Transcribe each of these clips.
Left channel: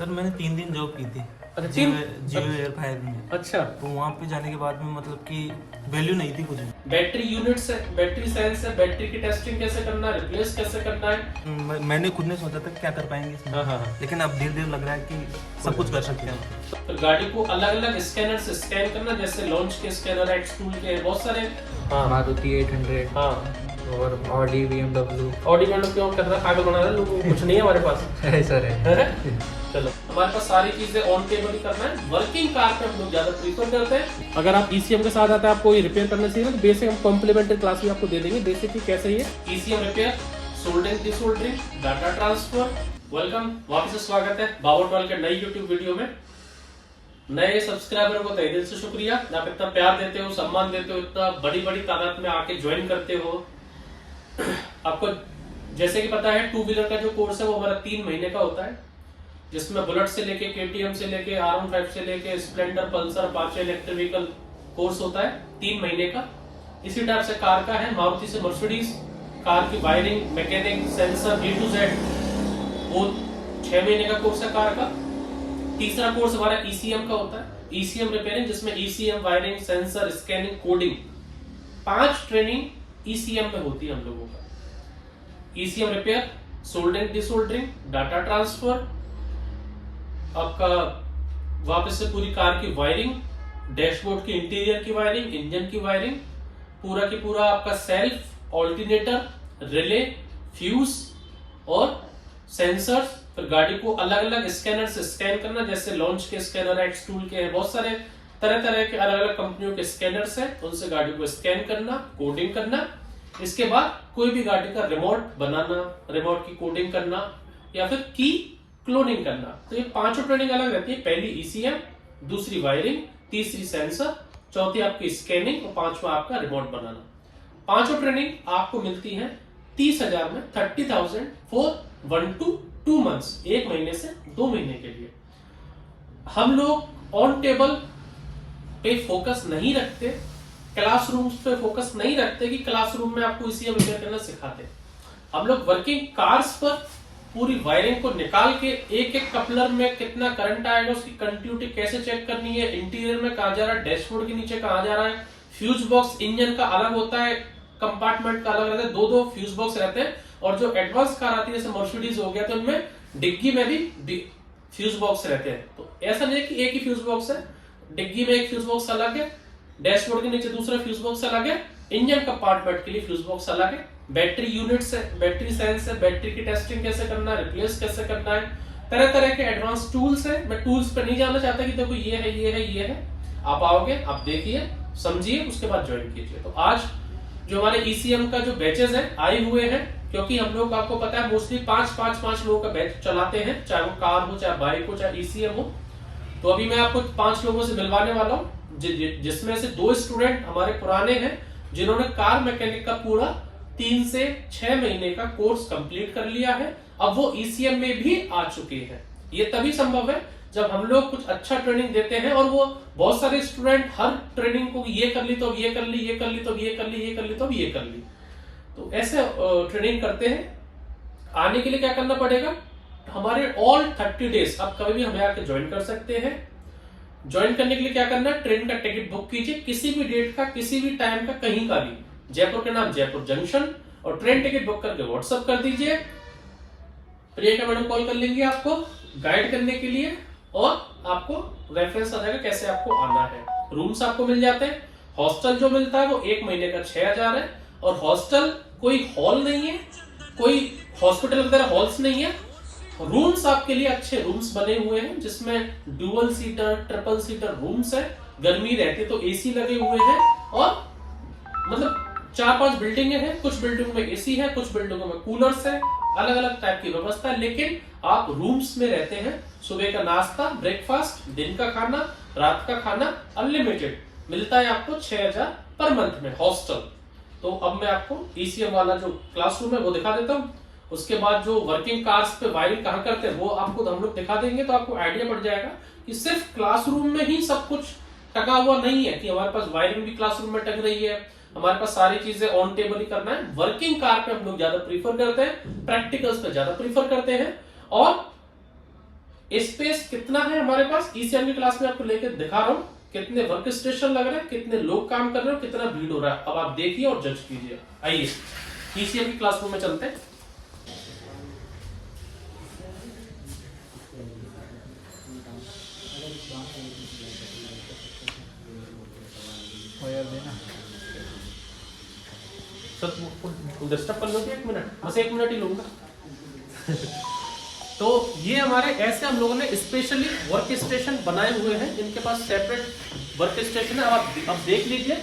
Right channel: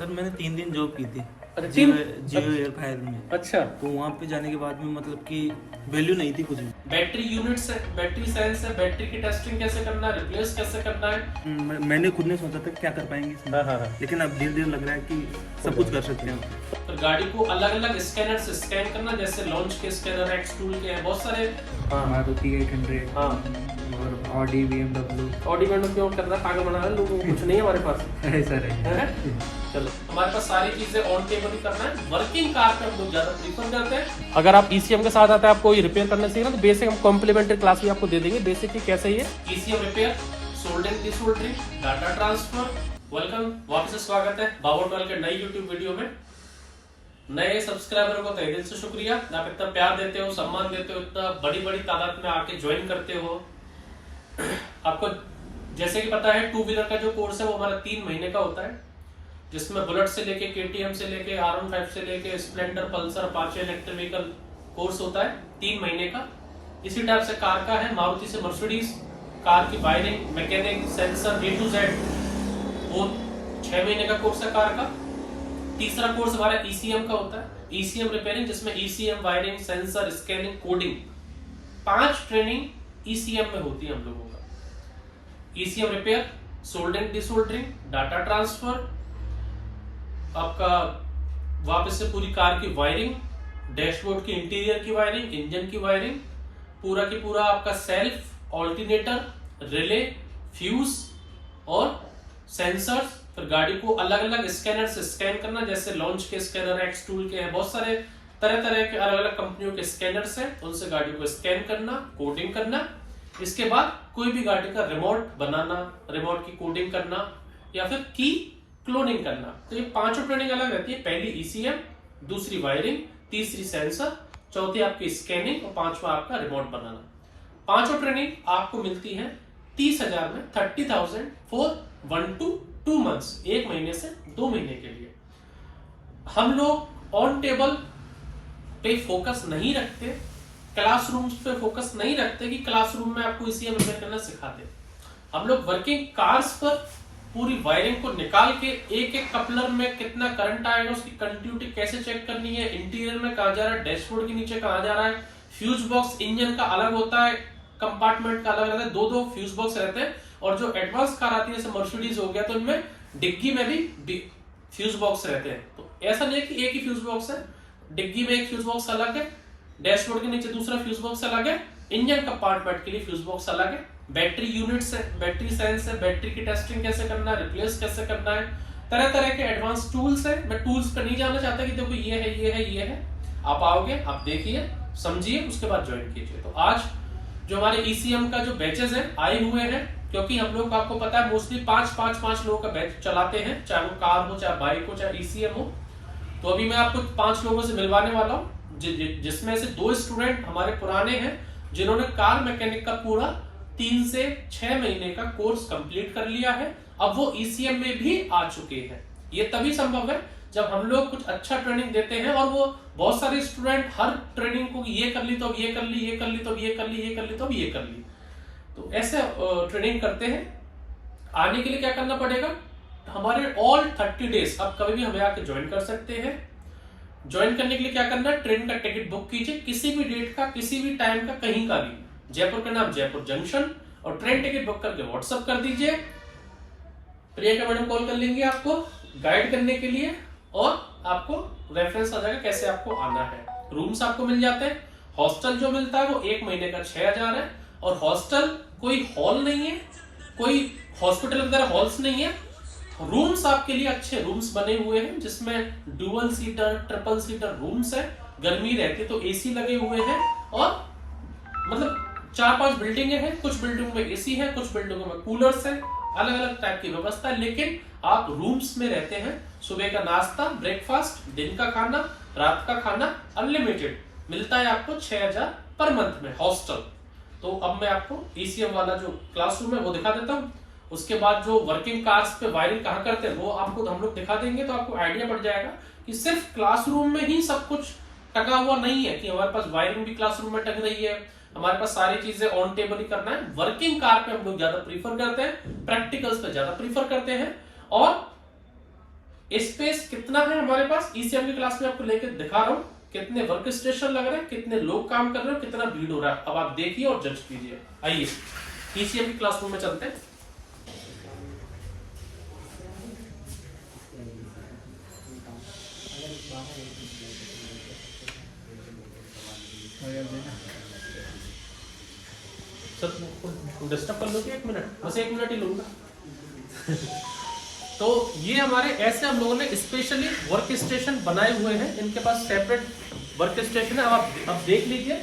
Sir मैंने 3 दिन job की थी अच्छा, जियो एयर फायर में। अच्छा, तो वहाँ पे जाने के बाद में मतलब कि वैल्यू नहीं थी कुछ भी। बैटरी यूनिट से, बैटरी सेल से बैटरी की टेस्टिंग कैसे करना है, रिप्लेस कैसे करना है। मैंने खुद ने सोचा था क्या कर पाएंगे इसमें। हाँ। लेकिन अब धीरे धीरे लग रहा है कि सब कुछ कर सकते हैं। तो गाड़ी को अलग अलग स्कैनर से स्कैन करना, जैसे लॉन्च के स्कैनर, एक्स टूल के हैं बहुत सारे। हाँ मारुति 800 हाँ। और ऑडी BMW। ऑडी BMW क्यों कर रहा है, पागल बना रहा है लोगों को, कुछ नहीं है हमारे पास। ऐसा है। चलो, हमारे पास सारी चीजें ऑन टेबल ही करना है। वर्किंग कार पे हम लोग ज्यादा प्रीफर करते हैं। अगर आप ECM के साथ आते हैं, आपको ये रिपेयर करने से ना बेसिक कॉम्प्लीमेंट्री क्लास भी आपको दे देंगे, बेसिकली कैसे ही है ECM repair, soldering, desoldering, data transfer. Welcome, वापस से स्वागत है बाबा के नई यूट्यूब वीडियो में। नए सब्सक्राइबर को तहे दिल से शुक्रिया, आप इतना प्यार देते हो, सम्मान देते हो, इतना बड़ी बड़ी तादाद में आके ज्वाइन करते हो। आपको जैसे कि पता है, 2 व्हीलर का जो कोर्स है वो हमारा 3 महीने का होता है, जिसमें बुलेट से लेके KTM से लेके R15 से लेके Splendor, Pulsar, Apache electric vehicle course होता है 3 महीने का। इसी टाइप से कार का है, मारुति से मर्सिडीज, कार की wiring, mechanic, sensor A to Z, वो 6 महीने का कोर्स है कार का। तीसरा कोर्स हमारा ECM का होता है, ECM रिपेयरिंग, जिसमें ECM, wiring, sensor, scanning, coding, 5 training ECM में होती है हम लोगों का। ECM repair, soldering, desoldering, data transfer, आपका वापस से पूरी कार की वायरिंग, डैशबोर्ड की इंटीरियर की वायरिंग, इंजन की वायरिंग, पूरा की पूरा आपका सेल्फ, ऑल्टरनेटर, रिले, फ्यूज और सेंसर्स। फिर गाड़ी को अलग अलग स्कैनर से स्कैन करना, जैसे लॉन्च के स्कैनर, एक्स टूल के हैं बहुत सारे, तरह तरह के अलग अलग कंपनियों के स्कैनर्स हैं, उनसे गाड़ी को स्कैन करना, कोडिंग करना। इसके बाद कोई भी गाड़ी का रिमोट बनाना, रिमोट की कोडिंग करना या फिर की क्लोनिंग करना। तो ये 5 ट्रेनिंग अलग रहती है। पहली ECM, दूसरी वायरिंग, तीसरी सेंसर, चौथी आपकी स्कैनिंग और 5वां आपका रिमोट बनाना। 5 ट्रेनिंग आपको मिलती है 30,000 में, 30,000 फॉर 1 to 2 months, 1 महीने से 2 महीने के लिए। हम लोग ऑन टेबल पे फोकस नहीं रखते, क्लासरूम्स पे फोकस नहीं रखते कि क्लासरूम में आपको ECM रिपेयर करना सिखाते। हम लोग वर्किंग कार्स पर पूरी वायरिंग को निकाल के एक एक कपलर में कितना करंट आएगा, उसकी कंटिन्यूटी कैसे चेक करनी है, इंटीरियर में कहा जा रहा है, डैशबोर्ड के नीचे कहा जा रहा है, फ्यूज बॉक्स इंजन का अलग होता है, कंपार्टमेंट का अलग रहता है, 2-2 फ्यूज बॉक्स रहते हैं। और जो एडवांस कार आती है जैसे मर्सिडीज हो गया, तो उनमें डिग्गी में भी फ्यूज बॉक्स रहते हैं। तो ऐसा नहीं है कि एक ही फ्यूज बॉक्स है, डिग्गी में एक फ्यूज बॉक्स अलग है, डैशबोर्ड के नीचे दूसरा फ्यूज बॉक्स अलग है, इंजन कंपार्टमेंट के लिए फ्यूज बॉक्स अलग है, बैटरी यूनिट से, बैटरी सेल से बैटरी की टेस्टिंग कैसे करना है, रिप्लेस कैसे करना है, तरह तरह के एडवांस टूल्स है। मैं टूल्स पे नहीं जाना चाहता कि देखो ये है, ये है, ये है। आप आओगे, आप देखिए, समझिए, उसके बाद ज्वाइन कीजिए। तो आज जो हमारे ECM का जो बैचेस हैं आए हुए हैं, क्योंकि हम लोग, आपको पता है, मोस्टली 5 लोगों का बैच चलाते हैं, चाहे वो कार हो, चाहे बाइक हो, चाहे ECM हो। तो अभी मैं आपको 5 लोगों से मिलवाने वाला हूँ, जिसमें से 2 स्टूडेंट हमारे पुराने हैं, जिन्होंने कार मैकेनिक का पूरा 3 से 6 महीने का कोर्स कंप्लीट कर लिया है। अब वो ECM में भी आ चुके हैं। ये तभी संभव है जब हम लोग कुछ अच्छा ट्रेनिंग देते हैं, और वो बहुत सारे स्टूडेंट हर ट्रेनिंग को ये कर ली तो अब ये कर ली, ये कर ली तो अब ये कर ली, ये कर ली तो अब ये कर ली। तो ऐसे ट्रेनिंग करते हैं। आने के लिए क्या करना पड़ेगा, हमारे ऑल 30 डेज आप कभी भी हमें आके ज्वाइन कर सकते हैं। ज्वाइन करने के लिए क्या करना है, ट्रेन का टिकट बुक कीजिए, किसी भी डेट का, किसी भी टाइम का, कहीं का भी। जयपुर का नाम जयपुर जंक्शन, और ट्रेन टिकट बुक करके व्हाट्सएप कर दीजिए। प्रियंका मैडम कॉल कर लेंगे आपको गाइड करने के लिए, और आपको रेफरेंस आ जाएगा कैसे आपको आना है। रूम्स आपको मिल जाते हैं। हॉस्टल जो मिलता है वो 1 महीने का 6,000 है, और हॉस्टल कोई हॉल नहीं है, कोई हॉस्पिटल वगैरह हॉल्स नहीं है। रूम्स आपके लिए अच्छे रूम्स बने हुए हैं, जिसमें dual seater, triple seater rooms है। गर्मी रहती है तो AC लगे हुए हैं, और मतलब 4-5 बिल्डिंगें हैं, कुछ बिल्डिंगों में AC है, कुछ बिल्डिंगों में कूलर्स है, अलग अलग टाइप की व्यवस्था है। लेकिन आप रूम्स में रहते हैं, सुबह का नाश्ता, ब्रेकफास्ट, दिन का खाना, रात का खाना अनलिमिटेड मिलता है आपको 6,000 पर मंथ में हॉस्टल। तो अब मैं आपको ECM वाला जो क्लासरूम है वो दिखा देता हूँ। उसके बाद जो वर्किंग कार्स पे वायरिंग कहाँ करते हैं वो आपको हम लोग दिखा देंगे, तो आपको आइडिया पड़ जाएगा कि सिर्फ क्लासरूम में ही सब कुछ टका हुआ नहीं है, कि हमारे पास वायरिंग भी क्लासरूम में टक रही है, हमारे पास सारी चीजें ऑन टेबल ही करना है। वर्किंग कार पे हम लोग ज्यादा प्रीफर करते हैं, प्रैक्टिकल्स पे ज्यादा प्रीफर करते हैं, और स्पेस कितना है हमारे पास, ईसीएम की क्लास में आपको लेकर दिखा रहा हूँ कितने वर्क स्टेशन लग रहे हैं, कितने लोग काम कर रहे हैं, कितना भीड़ हो रहा है। अब आप देखिए और जज कीजिए। आइए ईसीएम की क्लासरूम में चलते हैं। सर डिस्टर्ब कर लोगे 1 मिनट, बस 1 मिनट ही लूंगा। तो ये हमारे ऐसे हम लोगों ने स्पेशली वर्क स्टेशन बनाए हुए हैं, इनके पास सेपरेट वर्क स्टेशन है। अब देख लीजिए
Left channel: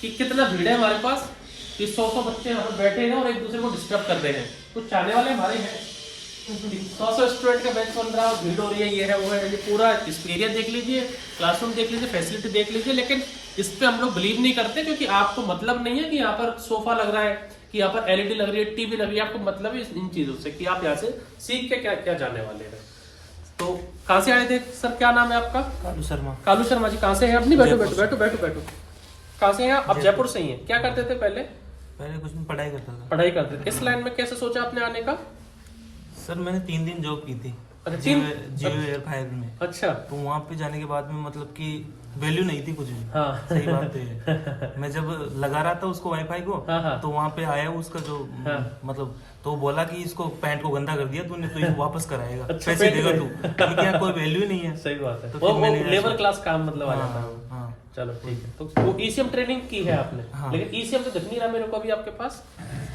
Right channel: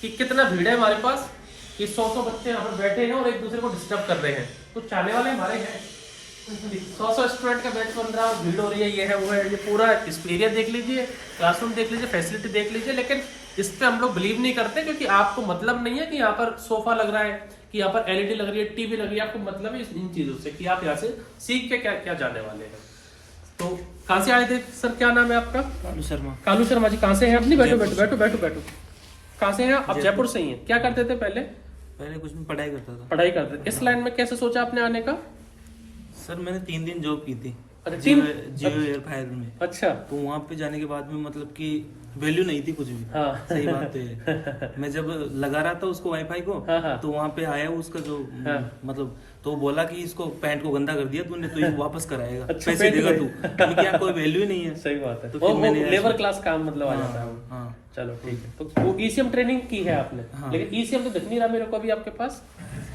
कि कितना भीड़ है हमारे पास, कि 100 बच्चे यहाँ पर बैठे हैं और एक दूसरे को डिस्टर्ब कर रहे हैं। कुछ चाहने वाले हमारे हैं, 100 स्टूडेंट का बैच बन रहा है, भीड़ हो रही है, ये है वो है। ये पूरा एरिया देख लीजिए, क्लासरूम देख लीजिए, फैसिलिटी देख लीजिए। लेकिन इस पे हम लोग बिलीव नहीं करते, क्योंकि आपको मतलब नहीं है कि यहाँ पर सोफा लग रहा है, कि यहाँ पर एलईडी लग रही है, टीवी लग रही है। आपको मतलब है इन चीजों से कि आप यहाँ से सीख के क्या क्या जाने वाले हैं। तो कहाँ से आए थे सर, क्या नाम है आपका? कालू शर्मा। कालू शर्मा जी, कहाँ से हैं अपनी? बैठो बैठो बैठो बैठो बैठो। कहाँ से हैं आप? जयपुर से ही हैं। क्या करते थे पहले? पहले कुछ दिन पढ़ाई करता था। पढ़ाई करते थे। इस लाइन में कैसे सोचा आपने आने का? सर मैंने 3 दिन जॉब की थी अच्छा, जियो एयर फायर में। अच्छा। तो वहाँ पे जाने के बाद में मतलब कि वैल्यू नहीं थी कुछ भी। हाँ। सही बात तो है। मैं जब लगा रहा था उसको वाईफाई को, हाँ। तो वहाँ पे आया उसका जो मतलब, तो वो बोला कि इसको पैंट को गंदा कर दिया तूने, तो ये वापस कराएगा। अच्छा, पैसे देगा तू, क्योंकि यहाँ कोई वैल्यू ही नहीं है। सही बात है। तो वो फिर मैंने लेबर क्लास काम मतलब आ जाता है। हाँ। चलो ठीक है। तो वो ईसीएम ट्रेनिंग की है आपने? हाँ। लेकिन ईसीएम तो दिख नहीं रहा मेरे को अभी आपके पास।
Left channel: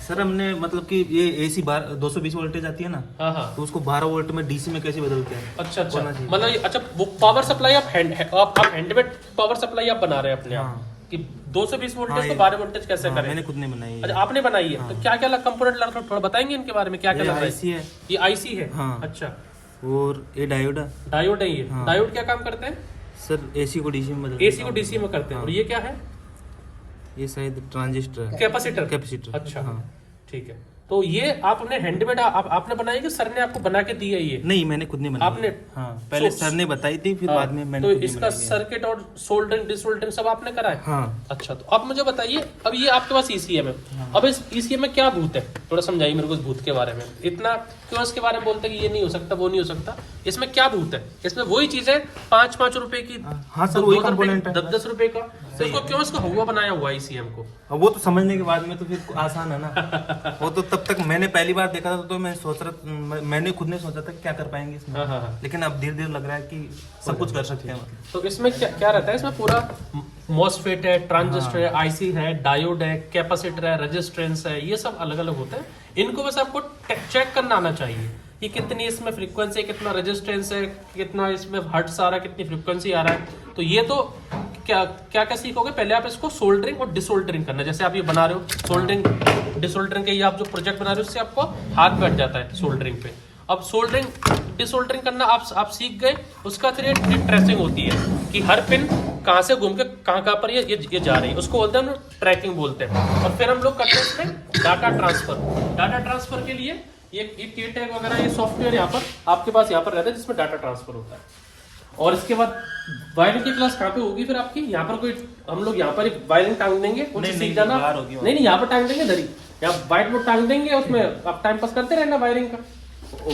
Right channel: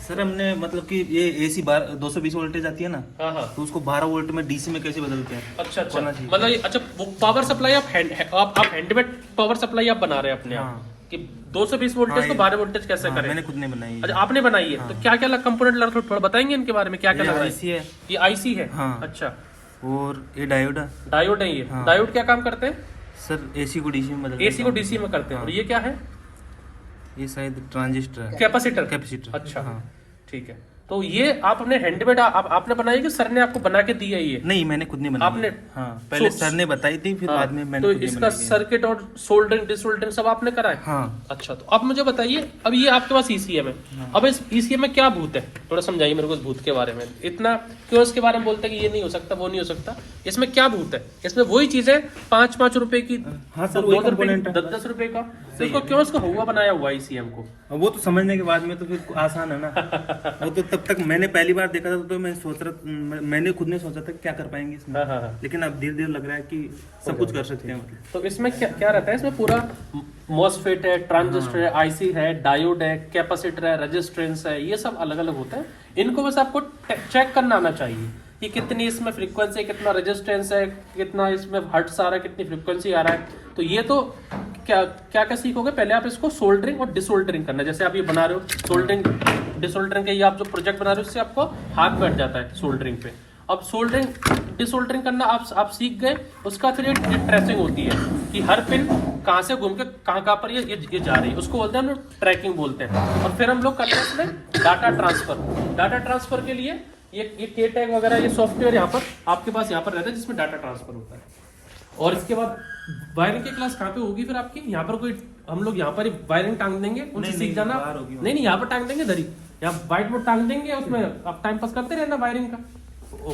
सर हमने मतलब कि ये एसी 220 वोल्टेज आती है ना, हाँ हाँ। तो उसको 12 वोल्ट में डीसी में कैसे बदलते हैं। अच्छा अच्छा, होना चाहिए। मतलब अच्छा वो पावर सप्लाई आप हैंडमेड पावर सप्लाई आप बना रहे हैं अपने हाँ। कि 220 वोल्टेज को 12 वोल्टेज कैसे हाँ, करें? मैंने खुद नहीं बनाई है। अच्छा आपने बनाई है। तो क्या क्या कंपोनेंट लगा, थोड़ा बताएंगे इनके बारे में, क्या क्या ये लगा है? आईसी है। ये आईसी है। हाँ। अच्छा, और ये डायोड है। डायोड है ये। हाँ। डायोड क्या काम करते हैं? सर एसी को डीसी में बदलते एसी को डीसी में करते हैं। हाँ। और ये क्या है? ये शायद ट्रांजिस्टर है। कैपेसिटर। कैपेसिटर। अच्छा हाँ। ठीक है। तो ये आपने हैंडमेड आपने बनाई कि सर ने आपको बना के दी है ये? नहीं, मैंने खुद नहीं बनाई। आपने? हाँ, पहले सो- सर ने बताई थी, फिर हाँ, बाद में मैंने तो खुद नहीं इसका बनाई है। सर्किट और सोल्डरिंग डिसोल्डरिंग सब आपने करा है? हाँ। अच्छा, तो अब मुझे बताइए, अब ये आपके पास ईसीएम है। अब इस ईसीएम में क्या भूत है, थोड़ा समझाइए मेरे को इस भूत के बारे में। इतना क्यों इसके बारे में बोलते हैं कि ये नहीं हो सकता, वो नहीं हो सकता? इसमें क्या भूत है? इसमें वही चीज है 5-5 रुपए की, हाँ सर, वही कंपोनेंट है। 10-10 रुपए का। तो इसको क्यों इसका हुआ बनाया हुआ ईसीएम को? अब वो तो समझने के बाद में तो फिर आसान है ना। वो तो तब तक मैंने पहली बार देखा था, तो मैं सोच रहा, मैंने खुद ने सोचा था कि क्या कर पाएंगे इसमें। हाँ। लेकिन अब धीरे धीरे लग रहा है कि सब कुछ कर सकते हैं मतलब। तो इसमें क्या क्या रहता है? इसमें पूरा मॉसफेट है, ट्रांजिस्टर है, आईसी है, डायोड है, कैपेसिटर है, रेजिस्टेंस है, ये सब अलग अलग होता है। इनको बस आपको चेक करना आना चाहिए कि कितनी इसमें फ्रीक्वेंसी, कितना रेजिस्टेंस है, कितना इसमें हर्ट्ज आ रहा है, कितनी फ्रीक्वेंसी आ रहा है। तो ये तो क्या क्या क्या सीखोगे, पहले आप इसको सोल्डरिंग और डिसोल्डरिंग करना। जैसे आप ये बना रहे हो सोल्डरिंग डिसोल्डरिंग के, ये आप जो प्रोजेक्ट बना रहे हो इससे आपको हाथ बैठ जाता है सोल्डरिंग पे। अब सोल्डरिंग डिसोल्डरिंग करना आप सीख गए, उसका फिर ये ट्रेसिंग होती है कि हर पिन कहाँ से घूम के कहाँ पर ये जा रही है, उसको बोलते हैं हम ट्रैकिंग बोलते हैं। और फिर हम लोग करते हैं इसमें डाटा ट्रांसफर। डाटा ट्रांसफर के लिए ये के टैग वगैरह ये सॉफ्टवेयर यहाँ पर आपके पास यहाँ पर रहता है, जिसमें डाटा ट्रांसफर होता है। और इसके बाद वायरिंग की क्लास कहाँ पे होगी फिर आपकी? यहाँ पर कोई हम लोग यहाँ पर वायरिंग टांग देंगे, उनसे सीख जाना। नहीं, यहाँ पर टांग देंगे, धरी यहाँ व्हाइट बोर्ड टांग देंगे, उसमें आप टाइम पास करते रहना वायरिंग का।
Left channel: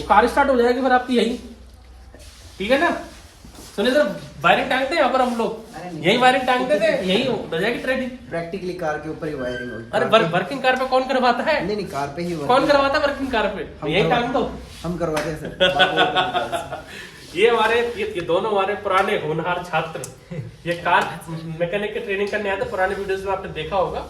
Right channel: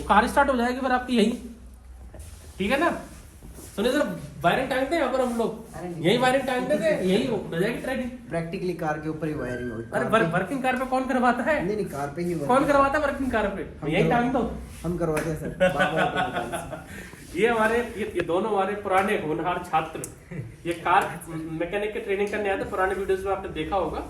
कार स्टार्ट हो जाएगी फिर आपकी यही, ठीक है ना? सुनिए सर, वायरिंग टांगते हैं यहाँ पर हम लोग, यही वायरिंग टांगते थे, यही हो जाएगी ट्रेनिंग। प्रैक्टिकली कार के ऊपर ही वायरिंग होगी। अरे वर्किंग कार पे कौन करवाता है? नहीं, कार पे ही कौन करवाता है वर्किंग कार पे? यही टांग दो, हम करवाते हैं सर। ये हमारे ये दोनों हमारे पुराने होनहार छात्र ये कार मैकेनिक की ट्रेनिंग करने आए थे। पुराने वीडियोस में आपने देखा होगा।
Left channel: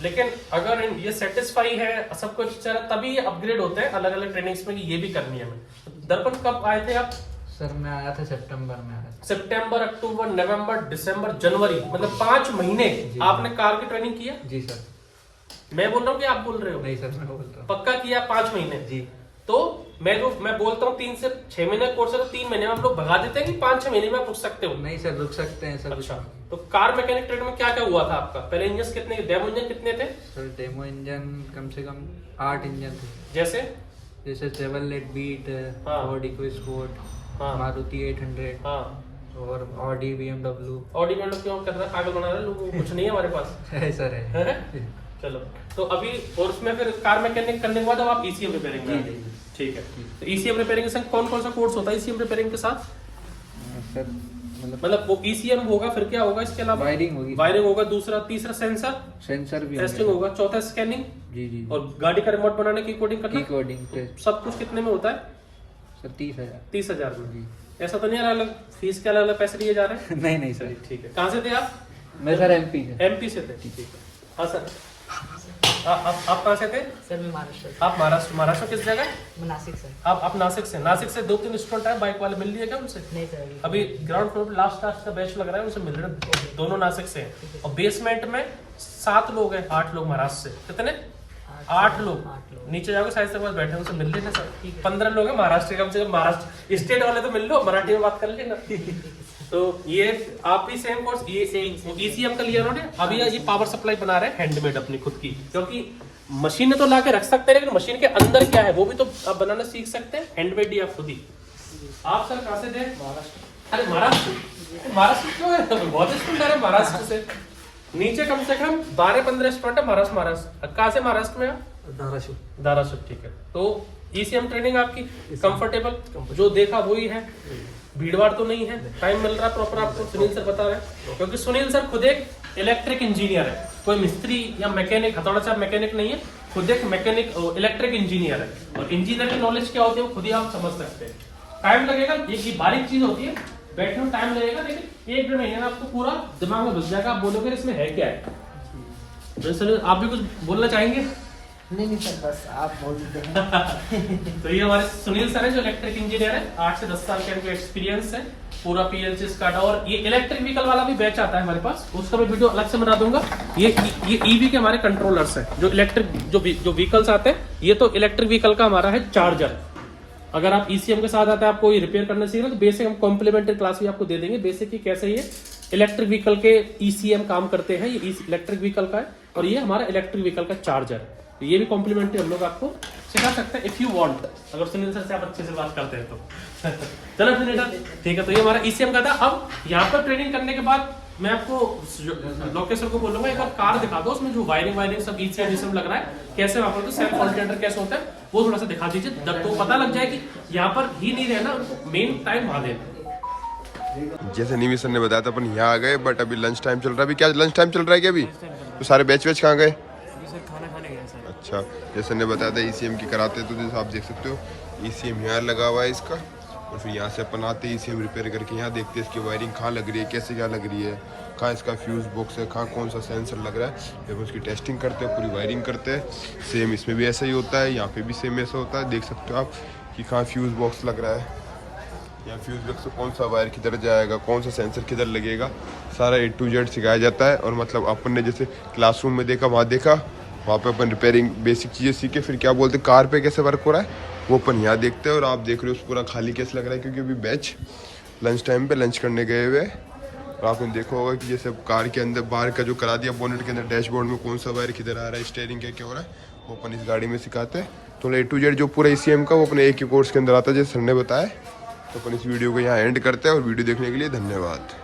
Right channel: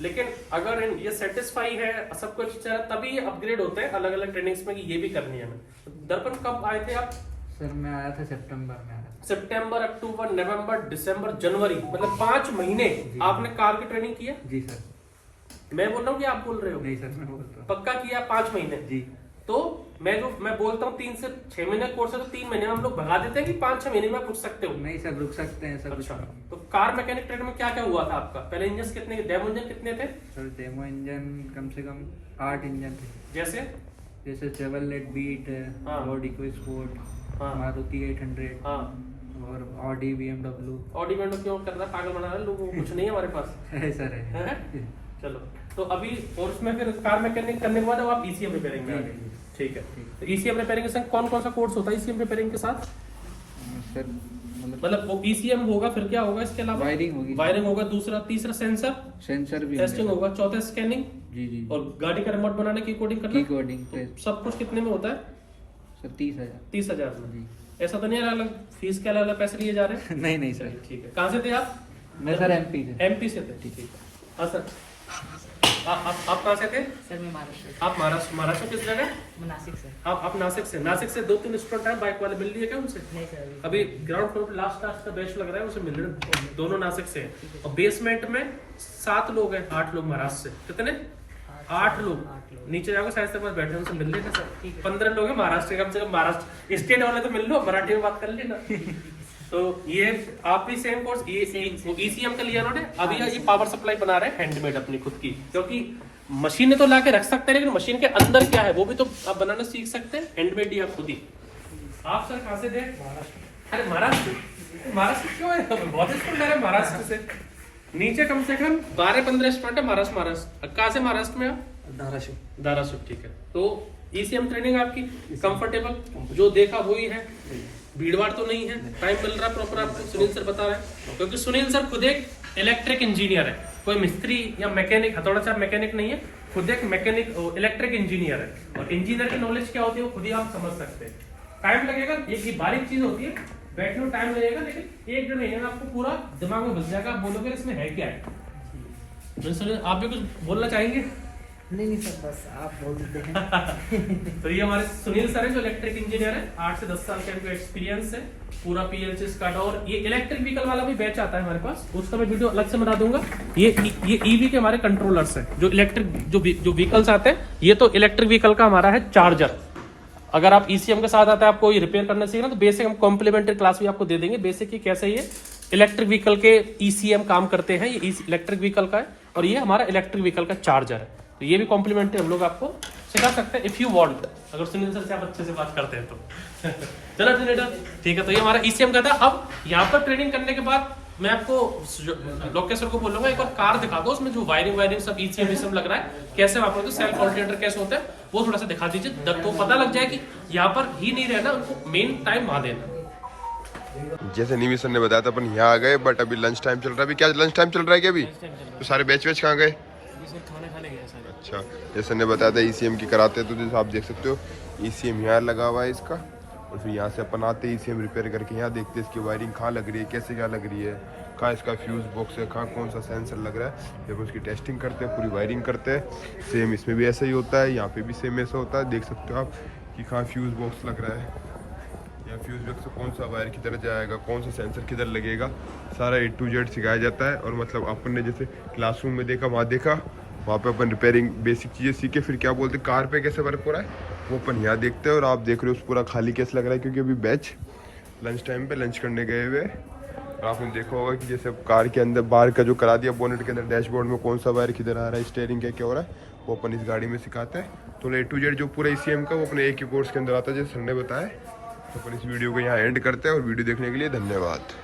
लेकिन अगर ये सेटिस्फाई है, सब कुछ चला, तभी ये अपग्रेड होते हैं अलग अलग ट्रेनिंग्स में कि ये भी करनी है हमें। दर्पण कब आए थे आप? सर मैं आया था सितंबर में आया था। सितंबर, अक्टूबर, नवंबर, दिसंबर, जनवरी, मतलब 5 महीने आपने कार की ट्रेनिंग की है? जी सर। मैं बोल रहा हूँ कि आप बोल रहे हो? नहीं सर, मैं बोलता हूँ। पक्का किया 5 महीने? जी। तो मैं बोलता हूँ 3 से 6 महीने कोर्स है, तो 3 महीने में हम लोग भगा देते हैं कि 5-6 महीने में आप रुक सकते हो। नहीं सर, रुक सकते हैं सर। अच्छा, तो कार मैकेनिक ट्रेड में क्या क्या हुआ था आपका? पहले इंजन कितने, डेमो इंजन कितने थे? सर डेमो इंजन कम से कम 8 इंजन थे। जैसे चेवरलेट बीट, हाँ। फोर्ड इकोस्पोर्ट, हाँ। मारुति 800, हाँ, और ऑडी BMW। ऑडी में क्यों कर रहा है, पागल बना रहा है लोगों को? कुछ नहीं है हमारे पास। है सर, है। चलो, तो अभी और उसमें फिर कार मैकेनिक करने के बाद अब आप ईसीएम रिपेयरिंग में आ गए। ठीक है। तो ईसीएम रिपेयरिंग के संग कौन कौन सा कोर्स होता है ईसीएम रिपेयरिंग के साथ? सर मतलब वो ईसीएम होगा, फिर क्या होगा इसके अलावा? वायरिंग होगी, वायरिंग होगा, दूसरा तीसरा सेंसर सेंसर भी टेस्टिंग होंगे। होगा, चौथा स्कैनिंग, जी जी, और गाड़ी का रिमोट बनाने की कोडिंग की करना। Coding test. सब कुछ कितने में होता है? सर 30,000। 30,000 में। जी। ऐसा तो नहीं है अलग फीस के अलग अलग पैसे लिए जा रहे हैं? नहीं नहीं सर, ठीक है। कहाँ से थे आप? मैं सर एमपी से। एमपी से थे, ठीक है। हाँ सर, आप कहाँ से थे? सर मैं महाराष्ट्र आप महाराष्ट्र किस जगह? मैं नासिक से। आप नासिक से 2-3 स्टूडेंट हैं बाइक वाले, मिल लिए क्या उनसे? नहीं सर अभी ग्राउंड फ्लोर पे लास्ट का बैच लग रहा है, उसे मिल रहे हैं, दोनों नासिक से हैं। और बेसमेंट में 7 लोग हैं, 8 लोग महाराष्ट्र से। कितने? 8 लोग। नीचे जाओगे साइड से बस बैठे, उनसे मिल लेना सर। 15 लोग हैं महाराष्ट्र के, कम से कम महाराष्ट्र स्टेट वाले तो मिल लो, मराठी में बात कर लेना। तो ये आप भी सेम कोर्स ईसीएम का लिया उन्होंने। अभी ये पावर सप्लाई बना रहे हैं हैंडमेड अपनी खुद की, क्योंकि मशीन तो ला के रख सकते हैं, लेकिन मशीन के अंदर क्या है वो भी तो आप बनाना सीख सकते हैं। हैंडमेड ही आप खुद ही। आप सर कहाँ से थे? महाराष्ट्र। अरे महाराष्ट्र क्यों है? तो बहुत स्टूडेंट है महाराष्ट्र से। नीचे कम से कम 12-15 स्टूडेंट है महाराष्ट्र। कहाँ से महाराष्ट्र में? धाराशिव, ठीक है। तो ईसीएम ट्रेनिंग आपकी कंफर्टेबल, जो देखा वही है, भीड़भाड़ तो नहीं है, टाइम मिल रहा है प्रॉपर आपको। सुनील सर बता रहे हैं, क्योंकि सुनील सर खुद एक इलेक्ट्रिक इंजीनियर है, कोई मिस्त्री या मैकेनिक, हथौड़ा सा मैकेनिक नहीं है, खुद एक मैकेनिक इलेक्ट्रिक इंजीनियर है। और इंजीनियर की नॉलेज क्या होती है वो खुद ही आप समझ सकते हैं। टाइम लगेगा, ये बारीक चीज होती है, बैठने में टाइम लगेगा, लेकिन 1-1.5 महीने में आपको पूरा दिमाग में घुस जाएगा। आप बोलोगे इसमें है क्या है। आप भी कुछ बोलना चाहेंगे? नहीं सर, बस आप बोल देते हैं। तो ये हमारे सुनील सर है, जो इलेक्ट्रिक इंजीनियर है, 8 से 10 साल का इनको एक्सपीरियंस है, पूरा पीएलसी स्काडा। और ये इलेक्ट्रिक व्हीकल वाला भी बैच आता है हमारे पास, उसका मैं वीडियो अलग से बना दूंगा। ये ईवी के हमारे कंट्रोलर्स हैं, जो इलेक्ट्रिक जो व्हीकल्स आते हैं। ये तो इलेक्ट्रिक व्हीकल का हमारा है चार्जर। अगर आप ईसीएम के साथ आते हैं, आपको ये रिपेयर करना चाहिए ना, तो बेसिक हम कॉम्प्लीमेंट्री क्लास भी आपको दे देंगे, बेसिक की कैसे ये इलेक्ट्रिक व्हीकल के ईसीएम काम करते हैं। ये इलेक्ट्रिक व्हीकल का है, और ये हमारा इलेक्ट्रिक व्हीकल का चार्जर है। तो ये भी कॉम्प्लीमेंट्री हम लोग आपको सिखा सकते हैं इफ यू वांट, अगर सुनील सर से आप अच्छे से बात करते हैं तो। चलो फिर ठीक है। तो ये हमारा ईसीएम का था। अब यहाँ पर ट्रेनिंग करने के बाद मैं आपको लोकेश सर को बोलूंगा एक और कार दिखा दो, उसमें जो वायरिंग सब ईसीएम लग रहा है, कैसे वहां पर सेल्फ ऑल्टरनेटर कैसे होता है वो थोड़ा सा दिखा दीजिए, जब तो पता लग जाए कि यहाँ पर ही नहीं रहना, उनको मेन टाइम वहां देना। जैसे निमी सर ने बताया था अपन यहाँ आ गए, बट अभी लंच टाइम चल रहा है। अभी क्या लंच टाइम चल रहा है क्या अभी? तो सारे बैच कहाँ गए? खाना खाने गए सारे। अच्छा, जैसे ने बताया था ईसीएम की कराते हैं, तो जैसे आप देख सकते हो ईसीएम यहाँ लगा हुआ है इसका, और फिर यहाँ से अपन आते हैं ईसीएम रिपेयर करके यहाँ देखते हैं इसकी वायरिंग कहाँ लग रही है, कैसे क्या लग रही है, कहाँ इसका फ्यूज़ बॉक्स है, कहाँ कौन सा सेंसर लग रहा है। फिर उसकी टेस्टिंग करते हैं, पूरी वायरिंग करते हैं। सेम इसमें भी ऐसा ही होता है, यहाँ पे भी सेम ऐसा होता है। देख सकते हो आप कि कहाँ फ्यूज़ बॉक्स लग रहा है, या फ्यूज़ बॉक्स से कौन सा वायर किधर जाएगा, कौन सा सेंसर किधर लगेगा, सारा A to Z सिखाया जाता है। और मतलब अपन ने जैसे क्लासरूम में देखा, वहाँ पे अपन रिपेयरिंग बेसिक चीज़ें सीखे, फिर क्या बोलते कार पे कैसे वर्क हो रहा है वो अपन यहाँ देखते हैं। और आप देख रहे हो पूरा खाली कैसे लग रहा है, क्योंकि अभी बैच लंच टाइम पे लंच करने गए हुए। और आपने देखा होगा कि जैसे कार के अंदर बाहर का जो करा दिया बोनेट के अंदर, डैशबोर्ड में कौन सा वायर किधर आ रहा है, स्टीयरिंग क्या क्या हो रहा है, वो अपन इस गाड़ी में सिखाते हैं। तो A to Z जो पूरा ईसीएम का वो अपने एक ही कोर्स के अंदर आता है, जैसे सर ने बताया। तो अपन इस वीडियो को यहाँ एंड करते हैं, और वीडियो देखने के लिए धन्यवाद।